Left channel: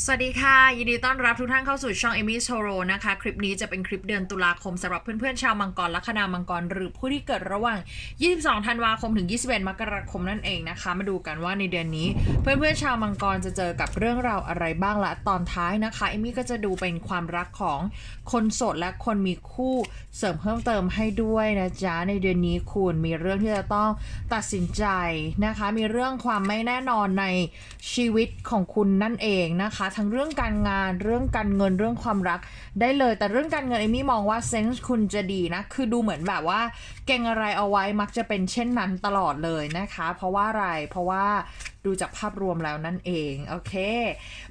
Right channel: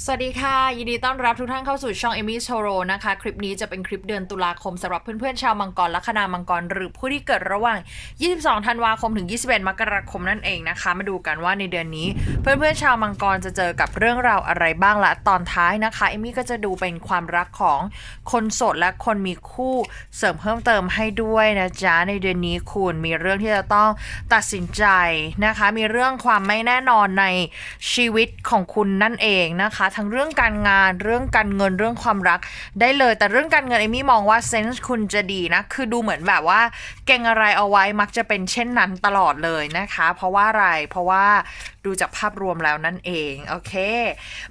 สวัสดีค่ะ ยินดีต้อนรับทุกท่านเข้าสู่ช่องเอมี่โชโรนะคะ คลิปนี้จะเป็นคลิปเดือนตุลาคมสำหรับเพื่อนๆชาวมังกรละคณามังกร หรือผู้ที่เกิดระหว่าง 22 ธันวาคมถึง 21 มกราคมนั่นเองนะคะ มาดูกันว่าในเดือนนี้ เพื่อนๆชาวมังกรจะเจอกับเรื่องราวอะไรบ้างละตอนท้ายนะคะเอมี่ก็จะดูเป็นความรักของคนโสดและคนมีคู่เสริมเพิ่มเติมให้ด้วยนะจ๊ะในเดือนนี้คุณมีเรื่องที่จะต้องตัดสินใจนะคะ มีเรื่องความไม่แน่นอนในชีวิตของคุณนั่นเองนะคะทั้งเรื่องการงานเรื่องการเงินเรื่องความรักได้เลย แต่เรื่องการเงินเอมี่มองว่าเซนส์คุณจะดีนะ คือดูเหมือนแบบว่า เก่งอะไรเอาไว้มักจะเป็นเช่นนั้นตลอดเลยนะคะ เพราะว่าอะไรเพราะว่าดูจากภาพรวมแล้วนั่นเองโอเค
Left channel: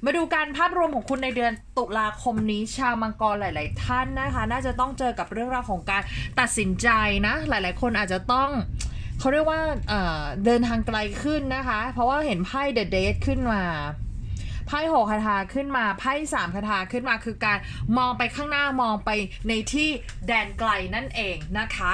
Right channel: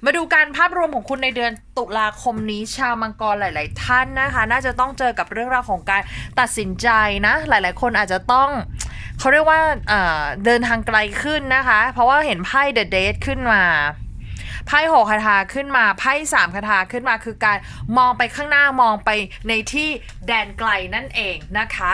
มาดูการภาพรวมของคุณในเดือนตุลาคมนี้ชาวมังกรหลาย ๆ ท่านนะคะ น่าจะต้องเจอกับเรื่องราวของการตัดสินใจนะ หลาย ๆ คนอาจจะต้องเขาเรียกว่าเอ่อเดินทางไกลขึ้นนะคะ เพราะว่าเห็นไพ่ The Date ขึ้นมา ไพ่หกคาถาขึ้นมาไพ่สามคาถาขึ้นมาคือการมองไปข้างหน้ามองไปในที่แดนไกลนั่นเองนะคะ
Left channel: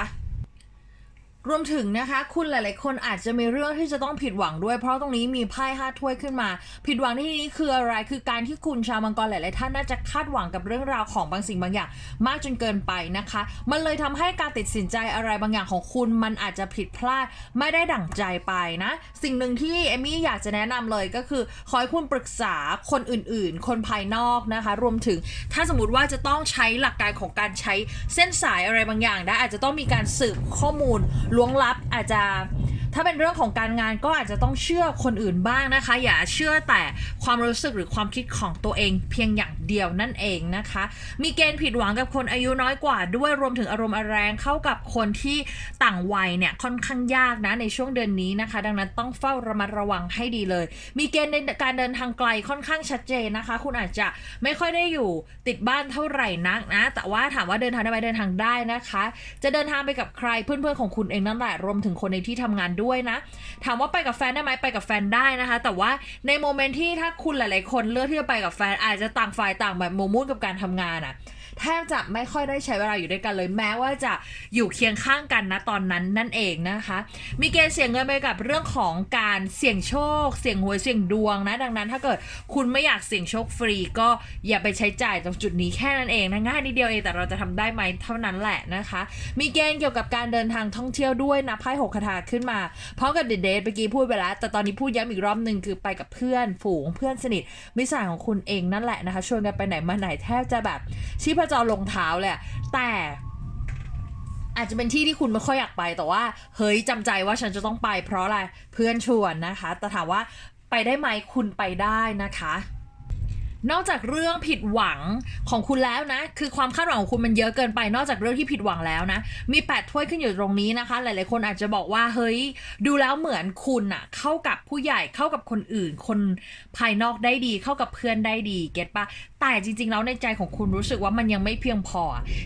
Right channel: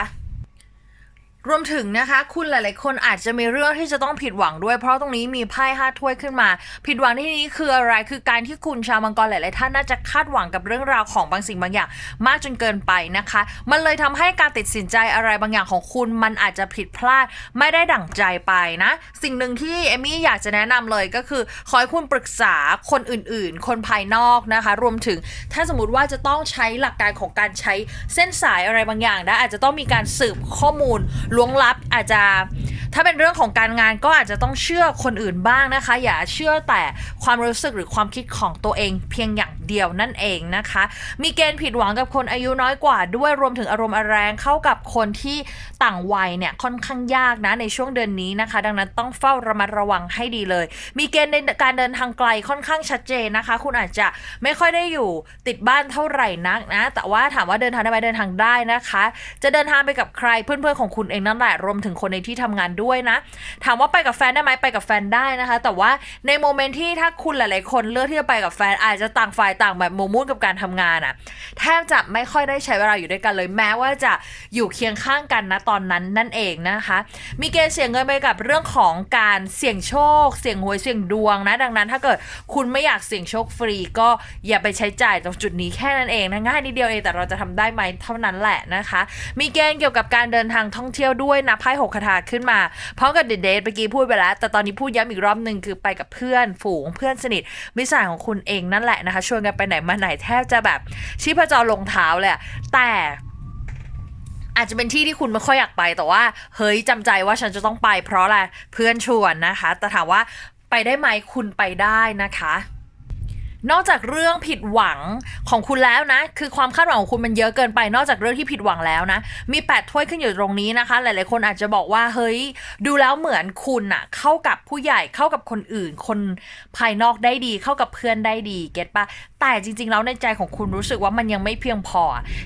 รวมถึงนะคะคุณหลาย ๆ คนอาจจะมีเรื่องที่จะต้องผิดหวังด้วย เพราะตรงนี้มีไพ่ห้าถ้วยขึ้นมา ผิดหวังที่นี้คืออะไรคือการที่คุณชาวมังกรหลาย ๆ ท่านน่าจะคาดหวังกับเรื่องราวของบางสิ่งบางอย่าง มากจนเกินไปนะคะ มันเลยทำให้การตัดสินใจอะไรบางอย่างของคุณ มันอาจจะผิดพลาดไม่ได้ดั่งใจไปนะ สิ่งหนึ่งที่เอมี่อยากจะแนะนำเลยก็คือขอให้คุณปรึกษาคนอื่น ๆ คนภายนอกนะคะ รวมถึงถ้าสมมติว่าจะต้องใช้หลักการของการใช้เส้นสายอะไรบางอย่างนะอาจจะต้องมีการสืบข้อมูลล้วงลับอาจจะถ้าเป็นเรื่องของการงานก็อาจจะต้องเชื่อคนอื่นบ้างนะคะ อย่าเชื่อแต่ความรู้สึกหรือความคิดของตัวเองเพียงอย่าง เดียวนั่นเองนะคะ มีเกณฑ์ผิดหวังกับคนอายุน้อยกว่าด้วยรวมถึงอารมณ์แรงเข้ากับคนที่ต่างวัยเนี่ยค่อนข้างยากนะในช่วงเดือนนี้นะคะ ดังนั้นต้องเฝ้าระมัดระวังให้ดีเลย มีเกณฑ์ในการเดินทางไกลค่อนข้างชัดเจนนะคะ คุณอาจจะไม่ค่อยได้อยู่ติดบ้านเท่าไหร่นักนะแต่ว่าถามว่าเดินทางได้ไหมเดินทางได้นะคะ จะเดินทางไปกับใครเพื่อนๆของคุณเองนั่นแหละรวมถึงคนในที่ทำงานด้วยนะ ถามว่าไปกับแฟนได้ไหมไปกับแฟนได้นะคะ แต่ว่าในโมเมนต์ที่ถ้าคุณหลายๆคนเลือกที่จะไปกับแฟนอาจจะต่างฝ่ายต่างแบบโมมุ่นกับการทำงานอะ่ะแทบจะไม่ค่อยได้ใช้เวลาอยู่ด้วยกันเลยแม้ว่าจะอยู่เคียงข้างกันนะตอนนั้นนั่นเองนะคะ มีเกณฑ์เสี่ยงเงินไปกับเรื่องของการเสี่ยงโชค เสี่ยงหวยเสี่ยงดวงนะ ดังนั้นถ้าเกิดคุณไม่อยากเสี่ยงโชคฟรีก็อย่าไปใช้จ่ายตรงจุดนี้แค่นั้นเองนะง่ายนิดเดียวเองแต่เราจะทำได้ไหมเท่านั้นแหละนะคะ มีเกณฑ์เกี่ยวกับการเดินทางท่องเที่ยวด้วยนะไพ่หกคาถาขึ้นมาพร้อมกับเดทเดทเมื่อกี้พูดไปแล้ว แต่ตอนนี้พูดย้ำอีกรอบหนึ่งคือไปกับเพื่อนฝูงเพื่อนสนิทมิตรสหายของคุณเองนั่นแหละนะคะชวนกันไปไหนมาไหนแทบจะแบบชีพจรลงเท้าเลยแต่อาจจะเป็นที่ที่คุณไม่ค่อยอยากไปแต่ว่า เฮ้ยจำใจว่าฉันจะต้องไปเพราะอะไรเพื่อนชวนนะคะ แต่ถามว่าไปได้ไหมคุณไปได้นะคะ นอกจากเรื่องผิดหวังของคุณแล้วนะ คือความคาดหวังของคุณมันเยอะเกินไป นอกจากเรื่องที่ผิดหวังแล้วนะ มีแปดถ้วยขึ้นอยู่ตรงนี้นะคะ หลายๆคนอาจจะบอกว่าเฮ้ย ดูแล้วเหมือนคุณอะเข้ากับผู้ใหญ่เข้ากับคนอื่น คนภายนอกได้ดี เข้ากับเพื่อนได้ดี เก็ตปะแต่จริง ๆ แล้วในใจของคุณรู้สึกว่ามันยังไม่เพียงพอ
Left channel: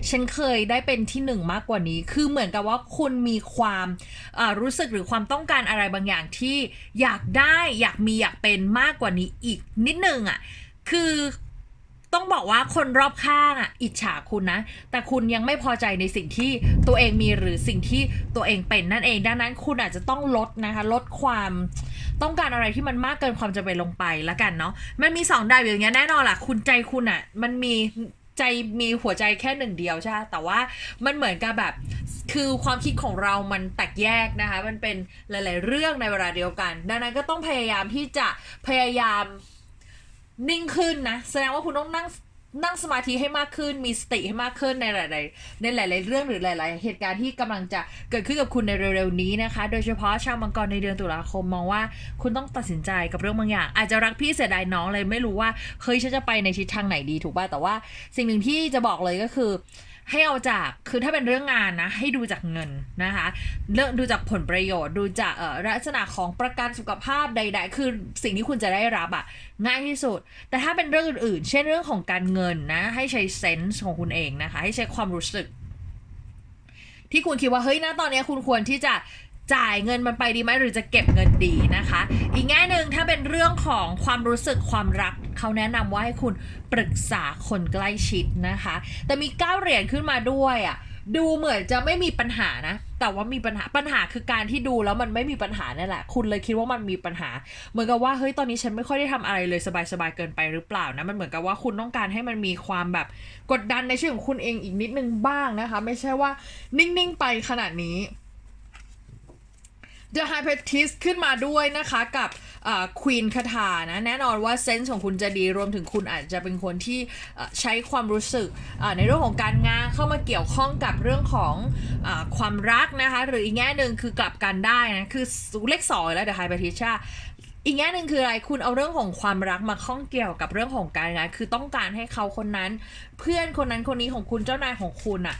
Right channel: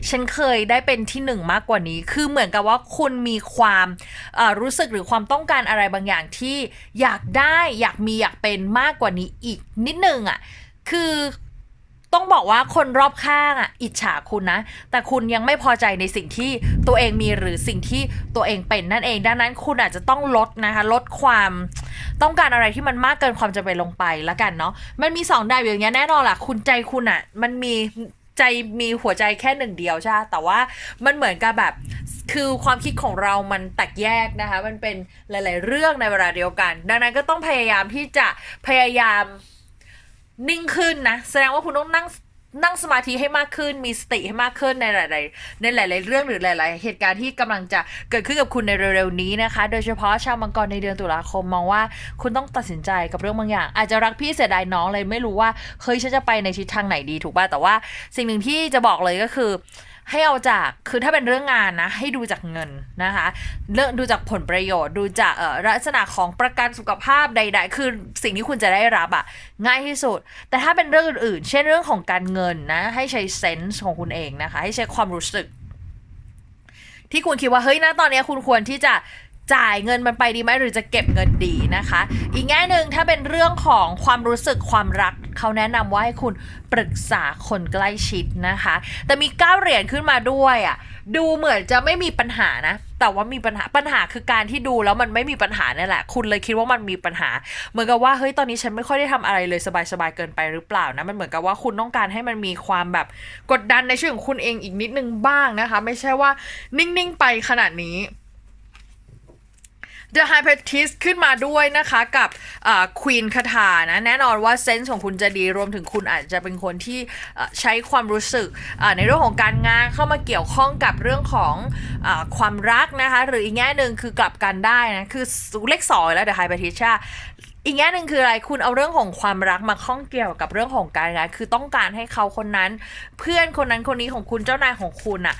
ฉันเคยได้เป็นที่หนึ่งมากกว่านี้ คือเหมือนกับว่าคุณมีความรู้สึกหรือความต้องการอะไรบางอย่างที่อยากได้อยากมีอยากเป็นมากกว่านี้อีกนิดนึงอะ คือต้องบอกว่าคนรอบข้างอะ อิจฉาคุณนะ แต่คุณยังไม่พอใจในสิ่งที่ตัวเองมีหรือสิ่งที่ตัวเองเป็นนั่นเองดังนั้นคุณอาจจะต้องลดนะคะ ลดความต้องการอะไรที่มันมากเกินความจำเป็นลงไปแล้วกันเนาะมันมีสองดาวอย่างเงี้ยแน่นอนล่ะ คุณใจคุณอะ มันมีใจมีหัวใจแค่หนึ่งเดียวใช่ แต่ว่ามันเหมือนกับแบบ คือความคิดของเรามันแตกแยกนะคะ มันเป็นหลาย ๆ เรื่องในเวลาเดียวกัน ดังนั้นก็ต้องพยายามที่จะพยายาม นิ่งขึ้นนะ แสดงว่าคุณต้องนั่งนั่งสมาธิให้มากขึ้น มีสติให้มากขึ้นในหลาย ๆ ในหลาย ๆ เรื่องหรือหลาย ๆ เหตุการณ์ที่กำลังจะเกิดขึ้นกับคุณในเร็ว ๆ นี้นะคะ โดยเฉพาะชาวมังกรในเดือนตุลาคมมองว่าคุณต้องตัดสินใจกับเรื่องบางอย่าง อาจจะรักพี่เสียดายน้องเลยไม่รู้ว่าเฮ้ยฉันจะไปในทิศทางไหนดีถูกป่ะแต่ว่าสิ่งหนึ่งที่จะบอกเลยก็คือ ให้เอาจากคือถ้าเป็นเรื่องงานนะ ให้ดูจากเงินนะคะเรื่องดูจากผลประโยชน์ดูจากเอ่อลักษณะของประกันสุขภาพใด ๆ คือสิ่งที่คุณจะได้รับอะง่ายที่สุด แต่ถ้าเป็นเรื่องอื่นๆ เช่นเรื่องของการเงินนะ ให้ใช้เซนส์ของคุณเองนะคะ ให้ใช้ความรู้สึกที่คุณคิดว่าเฮ้ยนะตอนนี้คุณควรที่จะ จ่ายเงินมันไปดีไหมหรือจะเก็บเงินดีนะคะ อีกแง่หนึ่งถ้าเป็นเรื่องของความรู้สึกความรักเขาแนะนำว่าให้คุณปรึกษาคนใกล้ชิดนะคะ แต่มีก้าเหรียญขึ้นมาด้วยอะดูเหมือนจะไม่มีปัญหานะ แต่ว่ามีปัญหาปัญหาคือการที่ดูแล้วมันไม่มีปัญหานี่แหละ คุณเลยคิดว่ามันมีปัญหา เหมือนกับว่าเฮ้ยตอนนี้ฉันไม่ค่อยได้ทำอะไรเลยสบายๆเกินไปหรือเปล่านะมันเหมือนกับว่าคุณต้องการให้มันมีความแบบกดดันในชีวิตของคุณเองอีกนิดนึงบ้างนะคะ ไม่ใช่ว่านิ่งๆไปขนาดนี้ The High Priestess ขึ้นมาด้วยนะคะกับควีนคาถานะ แน่นอนว่าเซนส์ของคุณจะดีรวมถึงคุณอาจจะเป็นคนที่ใช้ความรู้สึกในเรื่องของการงานเข้ามาเกี่ยวข้องกับเรื่องของอความรักนะคะ หรืออีกแง่หนึ่งคือกลับกันได้นะคือเลขสองแล้ว The High Priestess อีกแง่หนึ่งคืออะไรคุณเอาเรื่องของความรักมาข้องเกี่ยวกับเรื่องของการงานคือต้องการให้เขาคนนั้น เพื่อนคนนั้นคนนี้ของคุณเจ้านายของคุณอะ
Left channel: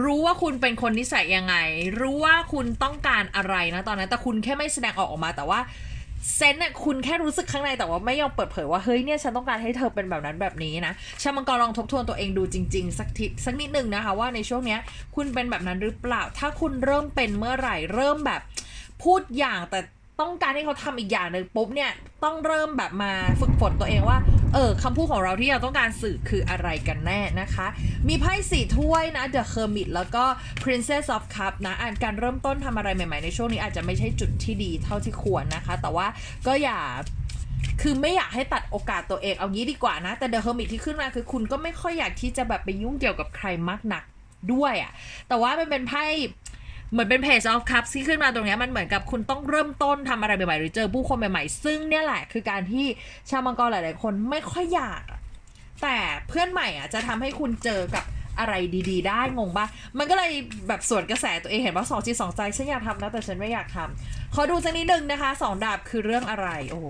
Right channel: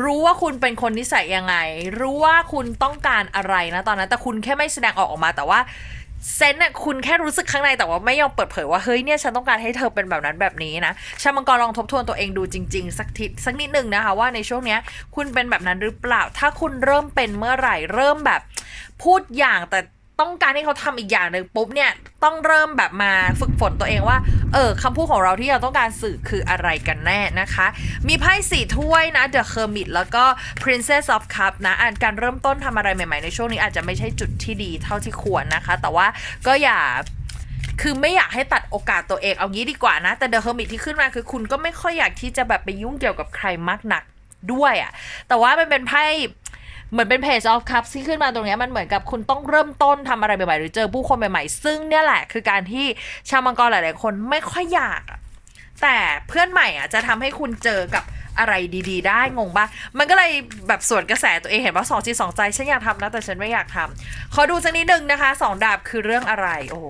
รู้ว่าคุณเป็นคนนิสัยยังไง รู้ว่าคุณต้องการอะไรนะตอนนั้น แต่คุณแค่ไม่แสดงออกออกมาแต่ว่าเซนต์น่ะคุณแค่รู้สึกข้างในแต่ว่าไม่ยอมเปิดเผยว่าเฮ้ยเนี่ยฉันต้องการให้เธอเป็นแบบนั้นแบบนี้นะชาวมังกรลองทบทวนตัวเองดูจริงๆ สักทีสักนิดหนึ่งนะคะว่าในช่วงเนี้ยคุณเป็นแบบนั้นหรือเปล่า ถ้าคุณเริ่มเป็นเมื่อไหร่เริ่มแบบพูดอย่างแต่ ต้องการให้เขาทำอีกอย่างหนึ่งปุ๊บเนี่ยต้องเริ่มแบบมาฝึกฝนตัวเองว่า เออคำพูดของเราที่เราต้องการสื่อคืออะไรกันแน่นะคะ มีไพ่สี่ถ้วยนะ The Hermit แล้วก็ Princess of Cup นะอ่านการเริ่มต้นทำอะไรใหม่ๆในช่วงนี้อาจจะไม่ใช่จุดที่ดีเท่าที่ควรนะคะ แต่ว่าก็อย่าคือไม่อยากให้ตัดโอกาสตัวเองเอางี้ดีกว่านะ แต่ The Hermit ที่ขึ้นมาคือคุณก็ไม่ค่อยอยากที่จะแบบไปยุ่งเกี่ยวกับใครมากหนักด้วยอะแต่ว่ามันเป็นไพ่ เหมือนเป็น Page of Cups ที่ขึ้นมาตรงนี้มันเหมือนกับคุณต้องเริ่มต้นทำอะไรใหม่ๆหรือเจอผู้คนใหม่ๆ ซึ่งเนี่ยแหละคือการที่ชาวมังกรหลายๆคนไม่ค่อยอยาก แต่เพื่อนใหม่อะจะทำให้คุณเจอกับอะไรดีๆ ได้งงปะมันก็เลยแบบสวนกระแสตัวเองเห็นว่าสองจิตสองใจฉันอยากทำนะแต่ฉันไม่อยากทำขอดูสักนิดนึงนะคะสองดาบคือเรื่องอะไร โอ้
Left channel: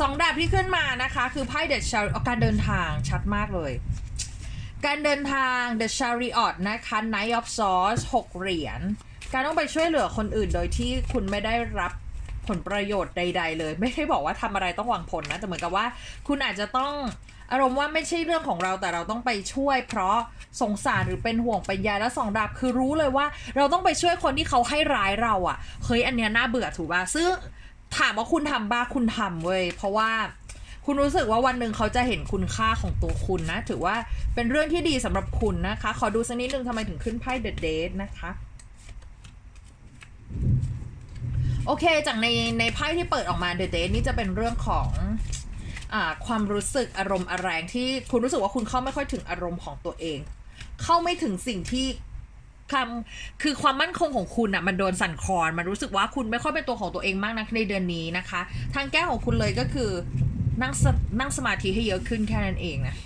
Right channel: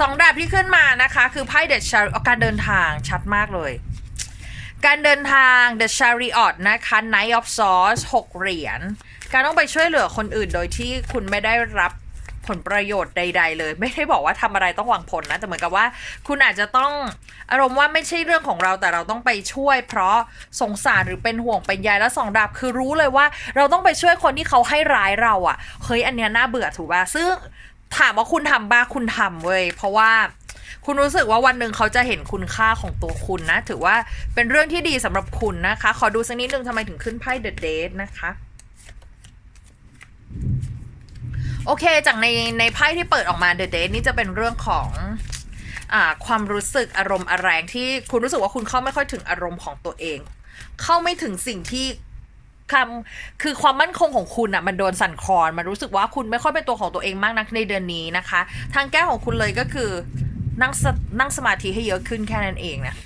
สองดาบที่ขึ้นมานะคะ คือไพ่เดชชาการเดินทางชัดมากเลย การเดินทาง The Chariot นะคะ Knight of Swords 6 เหรียญ การต้องไปช่วยเหลือคนอื่นโดยที่คุณไม่ได้รับผลประโยชน์ใด ๆ เลย ไม่ได้บอกว่าทำอะไรต้องหวังผลนะแต่เหมือนกับว่า คุณอาจจะต้องอารมณ์ว่าไม่ใช่เรื่องของเราแต่เราต้องไปช่วย เพราะสงสารหรือเป็นห่วงเป็นใยและสองดาบคือรู้เลยว่า เราต้องไปช่วยคนที่เขาให้ร้ายเราอะ่ะเฮ้ยอันเนี้ยน่าเบื่อถูกป่ะซึ่งถามว่าคุณทำบ้าคุณทำเว้ยเพราะว่า คุณรู้สึกว่าวันหนึ่งเขาจะเห็นคุณค่าของตัวคุณนะ ถือว่าเป็นเรื่องที่ดีสำหรับคุณนะคะ ขอดูสักนิดนึงทำไมถึงขึ้นไพ่ The Date นะคะโอเค จากในในไพ่ที่เปิดออกมา The Date นี่จะเป็นเรื่องของอความรู้สึกอารมณ์แรงที่คุณรู้สึกว่าคุณเข้าไม่ค่อยถึงอารมณ์ของตัวเอง เข้าไม่ถึงสิ่งที่คำคือความมั่นคงของคุณอะ่ะมันโดนสั่นคลอนมันรู้สึกว่าคุณไม่ค่อยเป็นตัวของตัวเองมากนักในเดือนนี้นะคะ ทางแก้ของคุณเลยก็คือ นั่งนั่งสมาธิให้เยอะขึ้นแค่นั้นเองนะ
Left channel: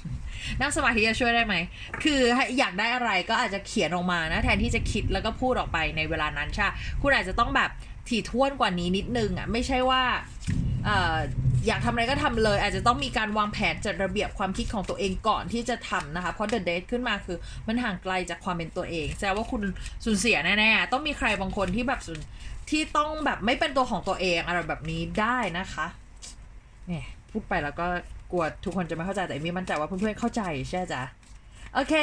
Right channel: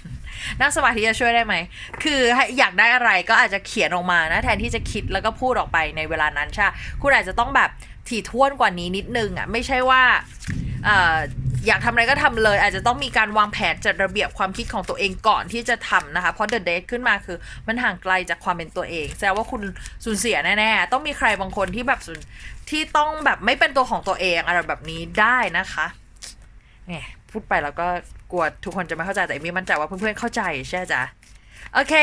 นั่งสมาธิจะช่วยได้ไหม คืออยากได้อะไรก็อาจจะเขียนออกมานะ แทนที่จะคิดแล้วก็พูดออกไปในเวลานั้นใช่ คุณอาจจะต้องแบบถี่ถ้วนกว่านี้นิดนึงอะ ไม่ใช่ว่าอยากทำอะไรก็ทำเลย อาจจะต้องมีการวางแผนจัดระเบียบความคิดของตัวเองก่อนที่จะทำนะคะ เพราะ The Date ขึ้นมาคือมันห่างไกลจากความเป็นตัวเอง แสดงว่าคุณสูญเสียแน่ๆ ต้องมีใครบางคนที่แบบที่ต้องแบบไม่เป็นตัวของตัวเองอะไรแบบนี้ได้นะคะเนี่ย พูดไปแล้วก็กลัวทุกคนจะไม่เข้าใจแต่เอมมี่มั่นใจว่าเพื่อนๆเข้าใจใช่ไหมจ๊ะโอเค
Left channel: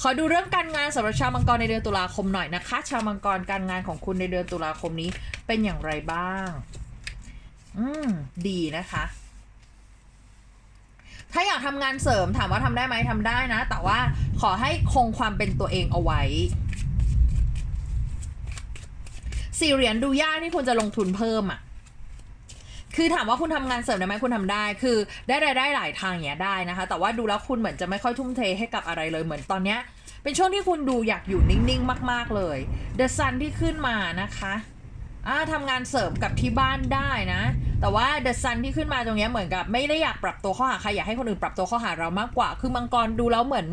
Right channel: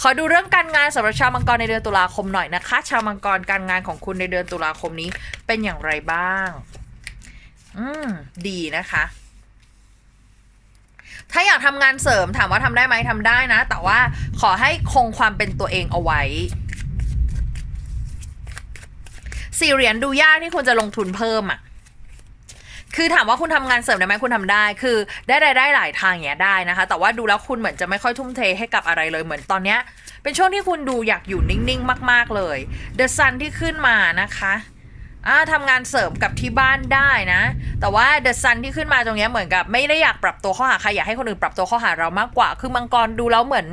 ขอดูเรื่องการงานสำหรับชาวมังกรในเดือนตุลาคมหน่อยนะคะ ชาวมังกรการงานของคุณในเดือนตุลาคมนี้เป็นอย่างไรบ้าง อืม ดีนะคะ ถ้าอยากทำงานเสริมถามว่าทำได้ไหมทำได้นะ แต่ว่าขอให้คงความเป็นตัวเองเอาไว้สี่เหรียญดูยากที่คุณจะลงทุนเพิ่มอะ คือถามว่าคุณทำงานเสริมได้ไหมคุณทำได้ คือได้รายได้หลายทางอย่างเนี้ยได้นะคะ แต่ว่าดูแล้วคุณเหมือนจะไม่ค่อยทุ่มเทให้กับอะไรเลยเหมือนตอนเนี้ยเป็นช่วงที่คุณดูอยากอยู่นิ่งๆ มาก ๆเลย The Sun ที่ขึ้นมานะคะ อ่าทำงานเสริมกับที่บ้านได้นะ แต่ว่า The Sun ที่ขึ้นมาตรงนี้เหมือนกับ ไม่ได้อยากปรับตัวข้าหาใครอยากให้คนอื่นปรับตัวข้าหาเรามากกว่า คือมังกรดูแล้วเหมือน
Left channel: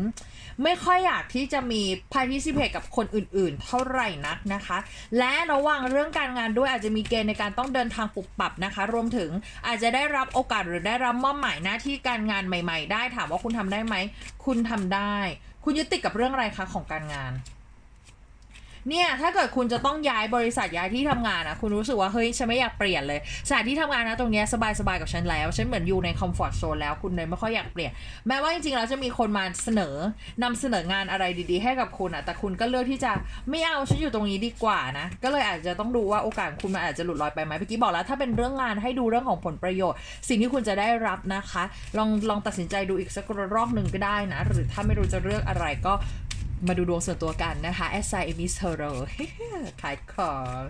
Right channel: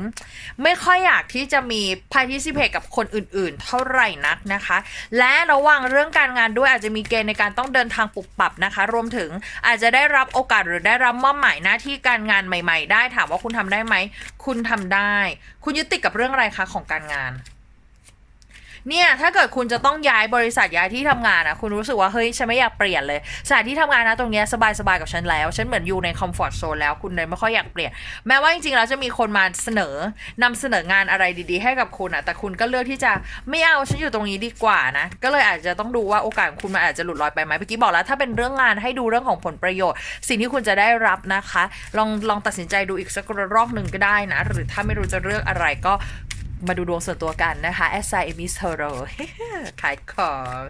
ไม่ค่อยอยากที่จะมี participate กับคนอื่นๆ เท่าไหร่นักนะคะ และระวังเรื่องการงานด้วยอาจจะมีเกณฑ์ในการต้องเดินทางปรับปรับนะคะ รวมถึงอาจจะได้รับโอกาสหรือได้รับมอบหมายหน้าที่การงานใหม่ ๆ ได้ถามว่าคุณทำได้ไหมคุณทำได้ คุณยึดติดกับเรื่องอะไรคะของการงาน เนี่ยถ้าเกิดคุณจะต้องย้ายบริษัทย้ายที่ทำงานอะคุณรู้สึกว่าเฮ้ยฉันไม่อยากเปลี่ยนเลยสถานที่ทำงานนะตรงเนี้ยสบายสบายๆกับฉันแล้ว ฉันเหมือนอยู่ในคอมฟอร์ทโซนแล้วคุณเลยไม่ค่อยอยากเปลี่ยน แม้ว่าจริงๆแล้วจะมีคนมาเสนอนำเสนองานอะไรดีๆ ให้กับคุณอะแต่คุณก็เลือกที่จะไม่เอาฉันอยู่ตรงนี้ดีกว่านะก็เลยอาจจะต้องดูว่าโอกาสคุณมันอาจจะหลุดลอยไปไหมเมื่อกี้บอกแล้ว ถ้าเป็นเรื่องงานให้ดูเรื่องของผลประโยชน์ สิ่งที่คุณจะได้รับนะคะ ลองลองตัดสินใจดูอีกสักรอบหนึ่งก็ได้นะ หรือถ้าไม่รู้จะเลือกอะไรก็ มาดูดวงส่วนตัวกันนะคะแอสไซเอมิสเทโรขายของ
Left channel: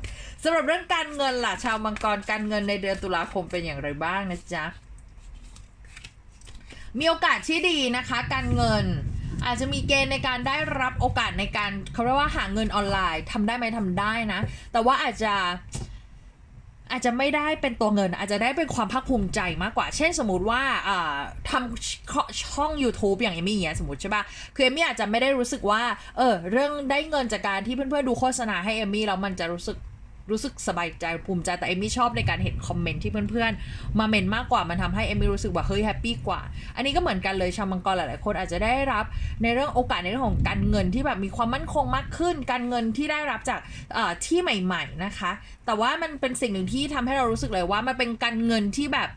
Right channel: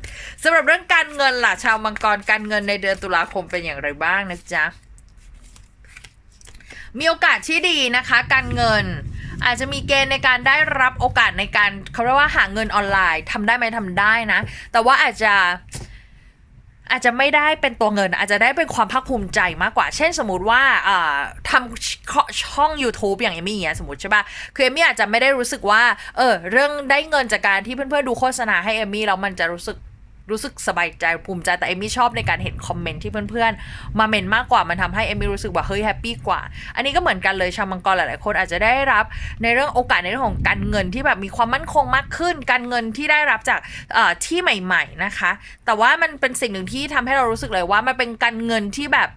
สำหรับเรื่องการเงินล่ะ ชาวมังกรการเงินในเดือนตุลาคมเป็นอย่างไรบ้างนะจ๊ะ มีโอกาสที่ดีนะคะ การเงินอาจจะมีเกณฑ์ในการได้รับโอกาสในการเขาเรียกว่าหาเงินออนไลน์ทำได้ไหมทำได้นะ แต่ว่าอาจจะ อาจจะไม่ได้เป็นตัวเงิน อาจจะได้เป็นความภาคภูมิใจมากกว่า เช่นสมมติว่าทำช่อง YouTube อย่างเอมี่เงี้ยสมมติใช่ปะคือเอมี่อาจจะไม่ได้รู้สึกว่า เออ เรื่องได้เงินจากการที่เพื่อนๆดูโฆษณาให้เอมี่แล้วมันจะรู้สึก รู้สึกสบายใจภูมิใจแต่เอมี่ชอบในการเห็นคอมเมนต์ที่เพื่อนๆ มาเมนมากกว่ามันทำให้เอมี่รู้สึกว่าเฮ้ยแฮปปี้กว่า อันนี้ก็เหมือนกันเลยชาวมังกรหลายๆคนอาจจะได้รับในเรื่องโอกาสในเรื่องของการเงินที่แบบมีความมั่นคงมากขึ้น การเงินที่ได้รับจากที่ใหม่ ๆนะคะ แต่ว่ามันเป็นสิ่งหนึ่งที่ทำให้เรารู้สึกเลยว่ามันเป็นการเงินที่แบบ